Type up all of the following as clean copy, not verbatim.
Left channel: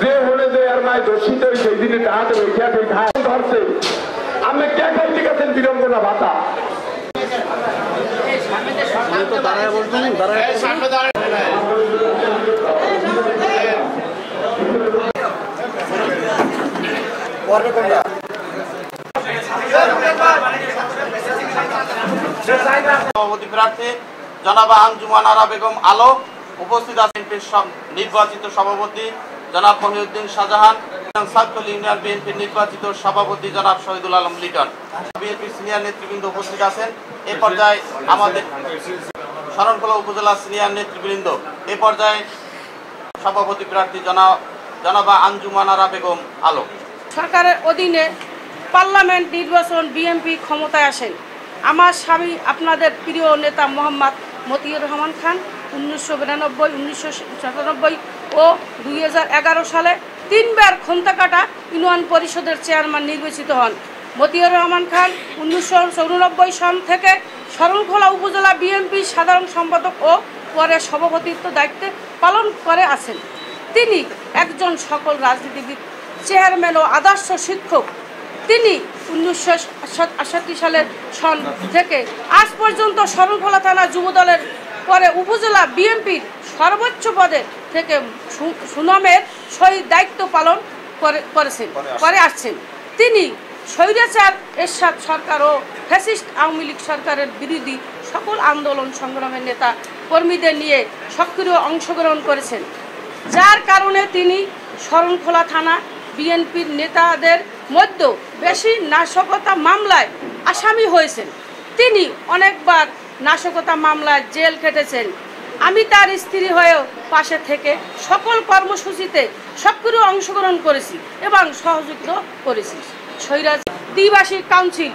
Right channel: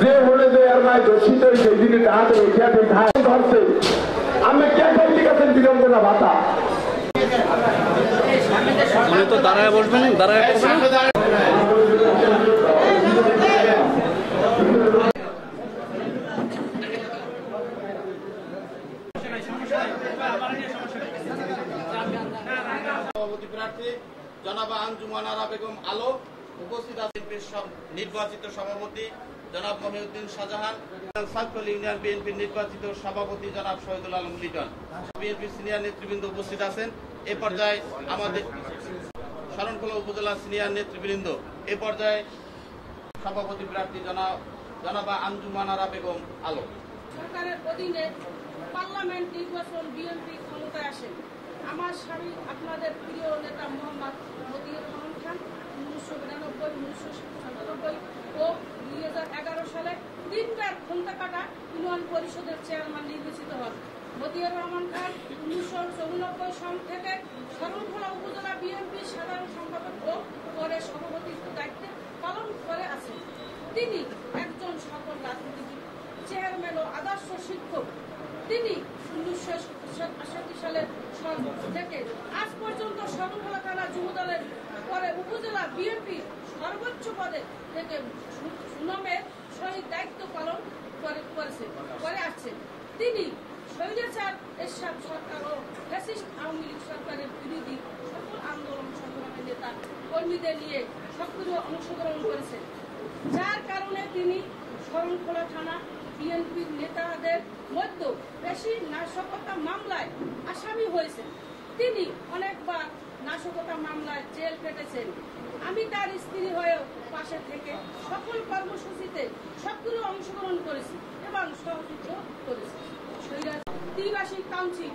যে হলে যে টিয়ার মায় দর্শিত সেই দিনে টাহাতে ওইখানে ঘাস ধরছে আমি কে খাইতে গেছেন বিড়ম্বনা ভাতা দাঁড়ায় বলবেন সভাপতি প্রার্থী জনাবা আঞ্জুমান আরা বেগম আলো, উপস্থিত আছেন নির্বাচিত সভাপতি জনাব মহিউদ্দিন শাহজাহান, সাতকলি ইউনিয়ন বিএনপির নির্বাচিত সভাপতি জনাব শহীদুল আলম লিটন, বিএনপির সিনিয়র নেতৃবৃন্দ উপস্থিত আছেন। এ পর্যায়ে আমাদের শরণখোলা উপজেলা সিনিয়র নেতৃবৃন্দ, এ পর্যায়ে সভাপতি প্রার্থী জনাবা আঞ্জুমান আরা বেগম আলো। সরকারের অধীনে পার্লামেন্ট নির্বাচন বিএনপি ক্ষমতায় আসেন। আমার স্বামী আপনাদের প্রিয় নেতা মোহাম্মদ মতিউর রহমান খান 1992, 1997 ও 2011 সালে 3 বার খন্তাকাটা ইউনিয়ন পরিষদের চেয়ারম্যান নির্বাচিত হন। মতিউর রহমান খান 1994 সন থেকে শরণখোলা উপজেলা বিএনপি সাধারণ সম্পাদক ও পরে সভাপতিত্ব দায়িত্বে পালন করে আছেন। তিনি একজন সকল রাজনীতিবিদ, চেয়ারম্যান ও আদর্শ শিক্ষক। তিনি 1968 সালের সন থেকে আজ পর্যন্ত শরণখোলা থানা যুবদলের পরে উপজেলা বিএনপির সর্বোচ্চ পদে থেকে সুনামের সহিত দায়িত্ব পালন করে আসছেন। তিনি স্বৈরাচার এরশাদ সরকার ও ফ্যাসিস্ট আওয়ামী লীগ সরকারের বিরোধী সকল আন্দোলন সংগ্রামের নেতা কর্মীদের নিয়ে সক্রিয় অংশগ্রহণ করেছেন, যার কারণে তিনি শরণখোলা থানা বিএনপির নেতাদের মধ্যে বেশি নাশকতা মামলায় আসামি হয়েছেন। তিনি অনেকবার নাশকতা মামলায় জেল খেটেছেন। আমি তার স্ত্রী হয়েও পাশে থেকে সকল কর্মসূচিতে সক্রিয় অংশগ্রহণ করেছি এবং সহযোগিতা করেছি। স্বৈরাচার দ্বিভাষিক কাউন্সিল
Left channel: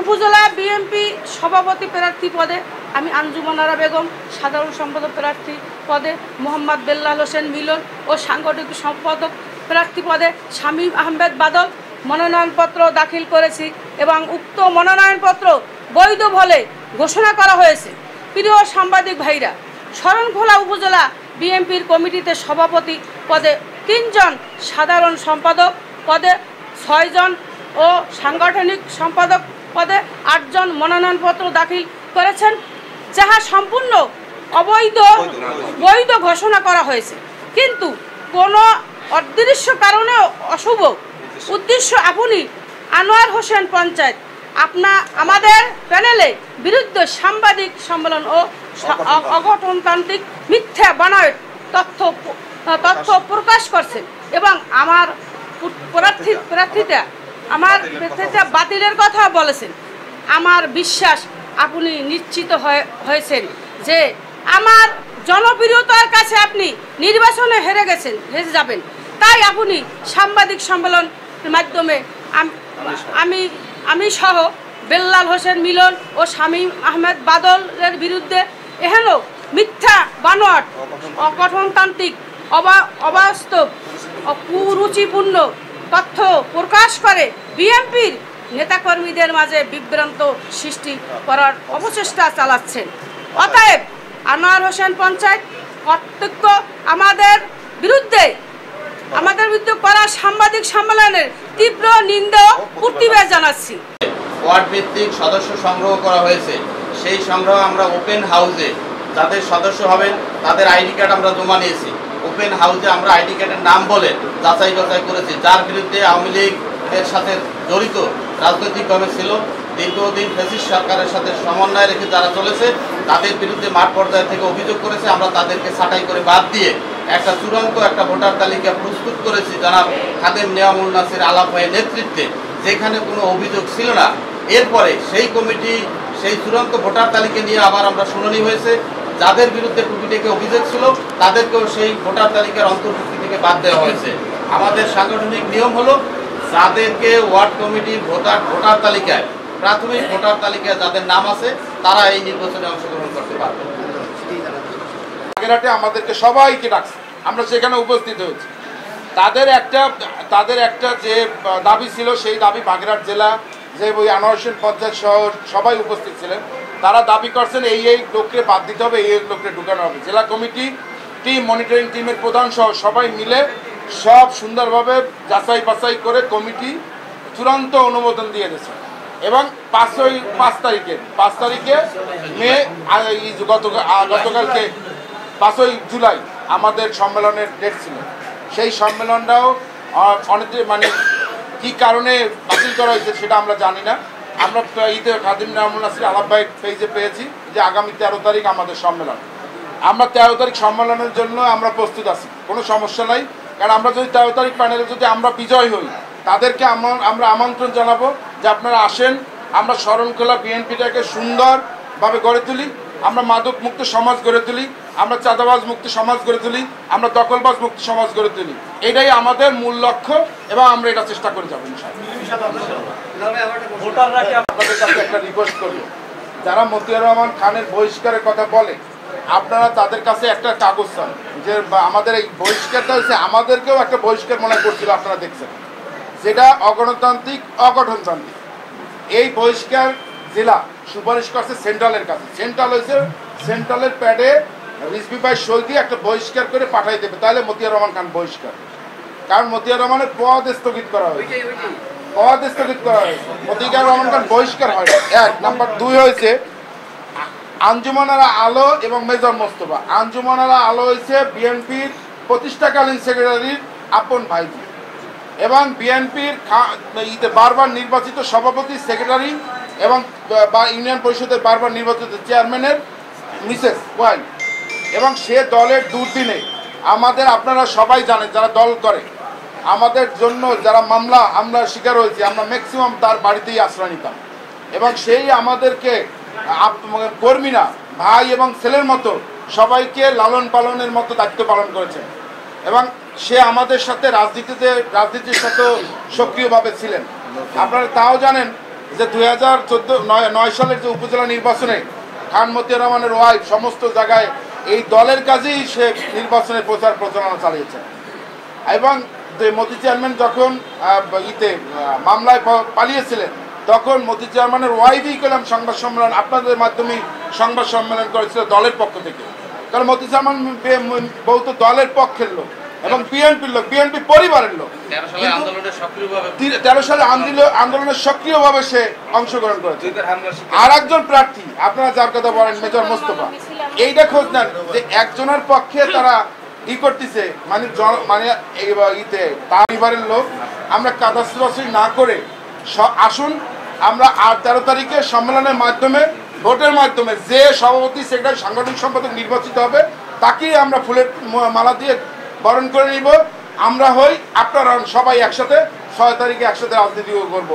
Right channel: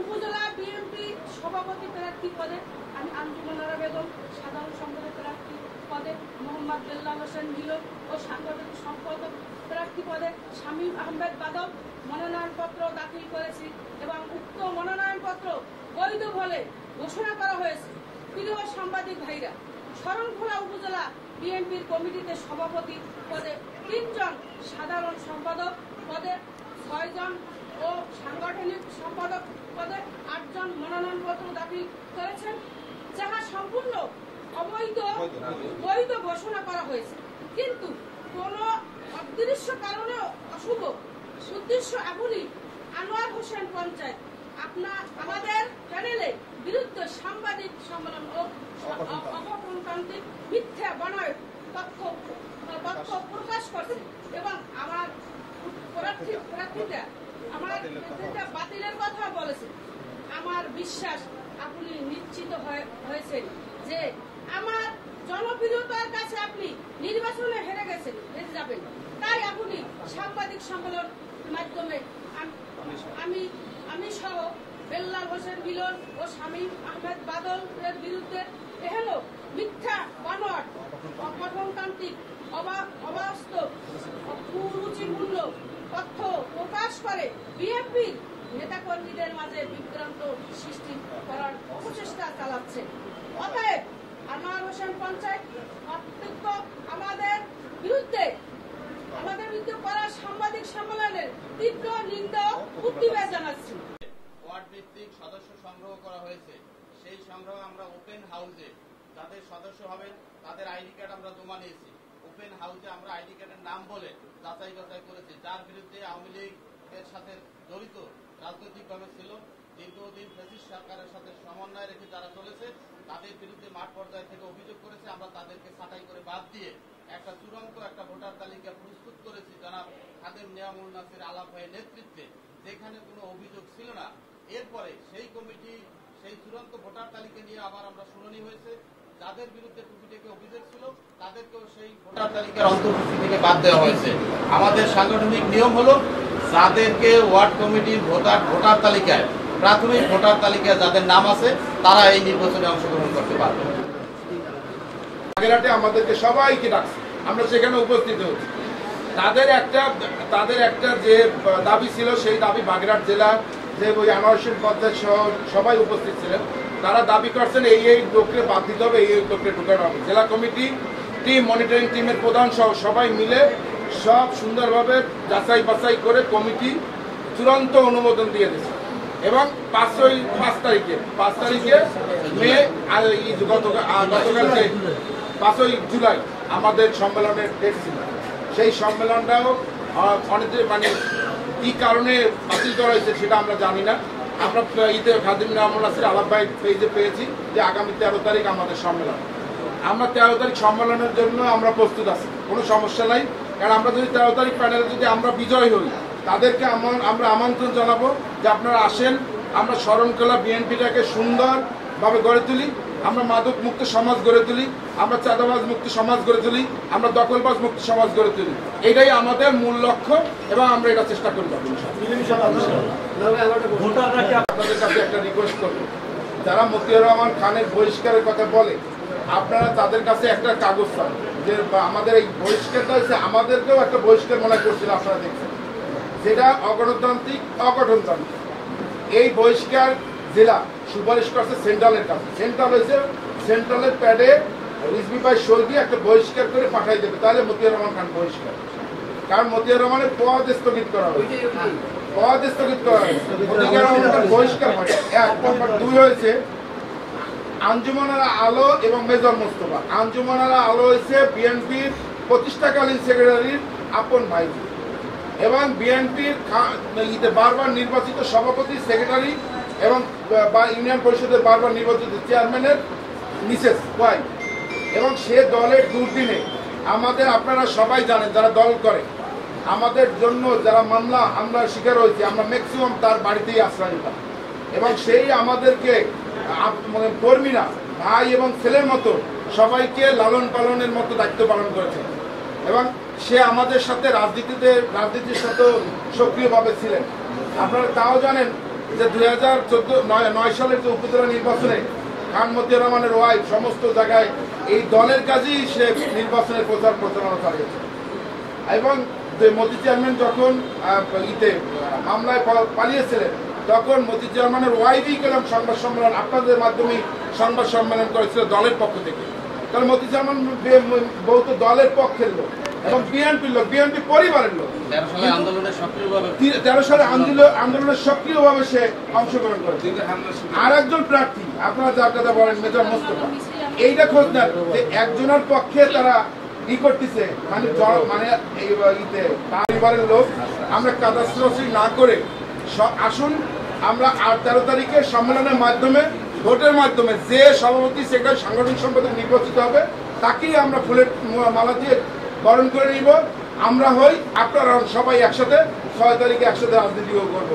উপজেলা বিএনপি সভাপতি প্রার্থী পদে আমি আঞ্জুমান আরা বেগম, সাধারণ সম্পাদক প্রার্থী পদে মোহাম্মদ বেল্লাল হোসেন মিলন ও সাংগঠনিক সম্পাদক প্রার্থী পদে শামীম আহমেদ বাদল মনোনয়নপত্র দাখিল করেছি এবং উক্ত মনোনয়নপত্র বৈধ বলে ঘোষণা করা হয়েছে। প্রিয় সাংবাদিক ভাইরা, শরণখোলা উপজেলা বিএনপির কমিটিতে সভাপতি পদে 3 জন, সাধারণ সম্পাদক পদে 6 জন ও সাংগঠনিক সম্পাদক পদে 8 জন মনোনয়নপত্র দাখিল করেছেন, যাহা সম্পূর্ণ বৈধ ঘোষণা করা হয়েছে। কিন্তু কোনো অদৃশ্য কারণে অশুভ উদ্দেশ্য আপনি আনোয়ার হোসেন পঞ্চায়েত আমাদের প্যানেলে বিরুদ্ধে সাংবাদিক সম্মেলন ও অগঠনতান্ত্রিক মিথ্যা বানায় তথ্য প্রকাশ করছেন এবং আমার প্রার্থিতা বাতিলের কথা বলেছেন। আমার বিশ্বাস আপনি নিশ্চিত হয়েছেন যে আমার জনপ্রিয়তার কাছে আপনি নির্বাচনে হেরে যাবেন। তাই আপনি সাংবাদিক সম্মেলনের মাধ্যমে আমি সহ বেল্লাল হোসেন মিলন ও শামীম আহমেদ বাদলের বিরুদ্ধে এহেন মিথ্যা বানোয়াট, অগঠনতান্ত্রিক, অবাস্তব, কুরুচিপূর্ণ তথ্য প্রকাশ করে বিএনপির নেতাকর্মীদের মাঝে বিভ্রান্ত সৃষ্টি করার অপচেষ্টা চালাচ্ছেন। অতএব আনোয়ার হোসেন পঞ্চায়েত কর্তৃক আমাদের বিরুদ্ধে করা সাংবাদিক সম্মেলনের তীব্র নিন্দা ও প্রতিবাদ জানাচ্ছি। ওয়ার্ড ভিত্তিক সদস্য সংগ্রহ করা হয়েছে। সেই সংগ্রহ আমরা ওপেন হাউসে যাদের সদস্য হবেন তাদের আইডি কার্ড আমরা জমা নিয়েছি। ওপেন হাউসে আমরা আইডি কার্ডের নাম বলে যাচাই বাছাই করেছি, যার বিরুদ্ধে আওয়ামী লীগের সাথে জড়িত রাজনৈতিকভাবে ছিল, দীর্ঘদিন ফ্যাসিস্ট সরকারের সাথে সমন্বয় রেখে যারা চলেছে তাদের বিরুদ্ধে মাঠ পর্যায় থেকে অভিযোগ করেছে। আমরা তাদেরকে ছাঁটাই করে বাদ দিয়ে একটা চূড়ান্ত ভোটার তালিকা প্রস্তুত করেছি জনাব খাদেম নেয়ামুল নাসির আলাপ ভাইয়ের নেতৃত্বে, যেখানে কোনো অভিযোগ ছিল না। এরপরে সেই কমিটি সেই চূড়ান্ত ভোটার তালিকা নিয়ে আবার আমরা শুনানি হয়েছে। যাদের বিরুদ্ধে টুকিটাকি অভিযোগ ছিল তাদেরকেও সেই ভোটার তালিকার অন্তর্ভুক্তি থেকে বাদ দেওয়া হয়েছে। আমাদের সাংগঠনিক নিয়ম হলো যাদেরকে ওয়ার্ড কমিটির ভোটার তালিকায়, প্রাথমিক ভোটার তালিকায় যাদের নাম আছে তারা এই নির্বাচনে অংশগ্রহণ করতে পারবে। বাগেরহাটে আমাদেরকে সবাইকে ডাকছে, আমরা সেখানে উপস্থিত হয়েছি। তাদের একটা যে দাবি ছিল সেই দাবি বাগেরহাট জেলা যে ওই আনোয়ার হোসেন পঞ্চায়েত সহ সবাই উপস্থিত ছিলেন। তারা দাবি করছেন এই লোককে বাদ দিতে হবে, এই লোককে ঢুকানো হবে। জেলা কমিটি টিম, মনিটরিং টিমের প্রধান সহ সবাই মিলে সব সুন্দরভাবে যাচাই বাছাই করে কমিটি চূড়ান্ত অনুমোদন দিয়ে দিয়েছে এবং 5 তারিখে মে গতকালকে 5 জুলাই আমাদের সম্মেলনের ডেট ছিল। সেই সম্মেলনটাও অনেক মানে কী কারণে বাতিল করা হয়েছে সেটা আমরা জানি না। আমরা ঈদে খাদিম নামুল নাসির আলাপ ভাই পেজে পেয়েছি যে আগামী 13 তারিখ আমাদের সম্মেলন। আমরা 13 তারিখ সম্মেলনের জন্য আমরা প্রস্তুত আছি, কোনো সমস্যা নাই। কারণ আমরা যদি 13 তারিখ প্যানেলে যদি আমরা বিজয় হই, তাদেরকে আমরা আমন্ত্রণ জানাবো যে আপনারা আসেন, আমরা শরণখোলা বিএনপিটাকে সুন্দরভাবে গড়ে তুলি, আমরা মাদক মুক্ত সমাজ গড়ে তুলি, আমরা চাঁদাবাজ মুক্ত সমাজ গড়ে তুলি, আমরা দখলবাজ মুক্ত সমাজ গড়ে তুলি। এটাই আমাদের মূল লক্ষ্য এবং আমরা এটা চেষ্টা করে যাবো আপনাদের কাছে একটা রিকোয়েস্ট করবো, যারা মতিউর রহমান খানের বহিষ্কারের কথা বলে আপনারা তাদের কাছে একটা কাগজ চান যে আমাদের এই বহিষ্কারটা হচ্ছে আমাদেরকেও একটা বহিষ্কার মনে করছিল, আপনারা দেখছেন, যেটা অগণতান্ত্রিক অগঠনতান্ত্রিক। এই বহিষ্কার জেলা সুপারিশ করছে সেন্ট্রালের কাছে, সেন্ট্রাল হয়েছে সেন্ট্রালের প্যাডে রিজভি ভাই সই দিয়ে একটা বহিষ্কার করে পাঠাই দেবে, তাহলে মতিউর রহমান খান বহিষ্কার। কারণ মতিউর রহমানের পদ স্থগিত করা হয়েছে, পদ স্থগিত করা হয়েছে, মতিউর রহমান খান বহিষ্কার হয় না। 1 নাম্বার 2 হয়েছে আঞ্জুমানারা আলো এবং মেজর মোস্তফা। আঞ্জুমানারা আলো হয়েছে বিএনপির প্রতিষ্ঠাকালীন সেক্রেটারির আপন ভাইজি এবং বিএনপির বারবার নির্বাচিত সভাপতি সেক্রেটারি এবং ইউনিয়ন পরিষদের বারবার নির্বাচিত চেয়ারম্যানের মিসেস ওয়াইফ। এবং সে দলের দুর্দিনে আমাদের, আপনারা সবাই জানেন যারা দল করে, আমাদের জন্য যারা মামলা আমরা শিকার হয়েছি, আমরা ম্যাক্সিমাম তার বাড়িতেই আশ্রয় নিতাম এবং সেই আমাদেরকে কর্মীরা ভাই এবং ছেলের মতো সবাইকে লালন পালনের মতো দায়িত্ব পালন করেছেন এবং সে আমাদের সাথে রাজনীতির সাথে সক্রিয়ভাবে ছিলেন। আপনারা তাও জানেন যে 2009 সালের যে উপজেলা নির্বাচনে খান মতিউর রহমানের ওয়াইফ সমস্ত জায়গায় এই দলের কাজেই সে নির্বাচনের প্রচারণা চালিয়েছে এবং মতি চেয়ারম্যান যখন মামলায় পালিয়েছিলেন তখন মতি চেয়ারম্যানের ওয়াইফই করলাম সংবাদ সম্মেলন, আপনাদের মাধ্যমে সংবাদ সম্মেলন করেছিল দলের পক্ষ থেকে। কারণ মতি চেয়ারম্যান বহুত দলের পক্ষের লোক এবং বিএনপির লোক, বিএনপি পরিবারের লোক। 13 সালে আন্দোলনে সক্রিয়ভাবে সে অংশগ্রহণ করেছে। আর একজন প্রার্থী আপনারা যার কথা বলেন মেজর মোস্তফা, এইটা খোঁজ নেন যে একজনের পক্ষে তারা ই করতেছে, মানে তার পরিবারের লোক। আমরা কাদাসি না করে আসুন, আমরা 13 তারিখে সম্মেলনের মাধ্যমে ভোটের মাধ্যমে যে সভাপতি সেক্রেটারি সাংগঠনিক সম্পাদক নির্বাচিত হবে তাকেই আমরা ফুলের মালা দিয়ে বরণ করে নিব। আমরা হই, আপনারা সবাই একসাথে 6 তারিখে একসাথে রাজনীতি করব।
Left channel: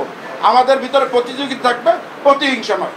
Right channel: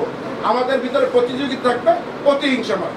আমাদের ভিতরে প্রতিযোগিতা থাকবে, প্রতিহিংসা নয়।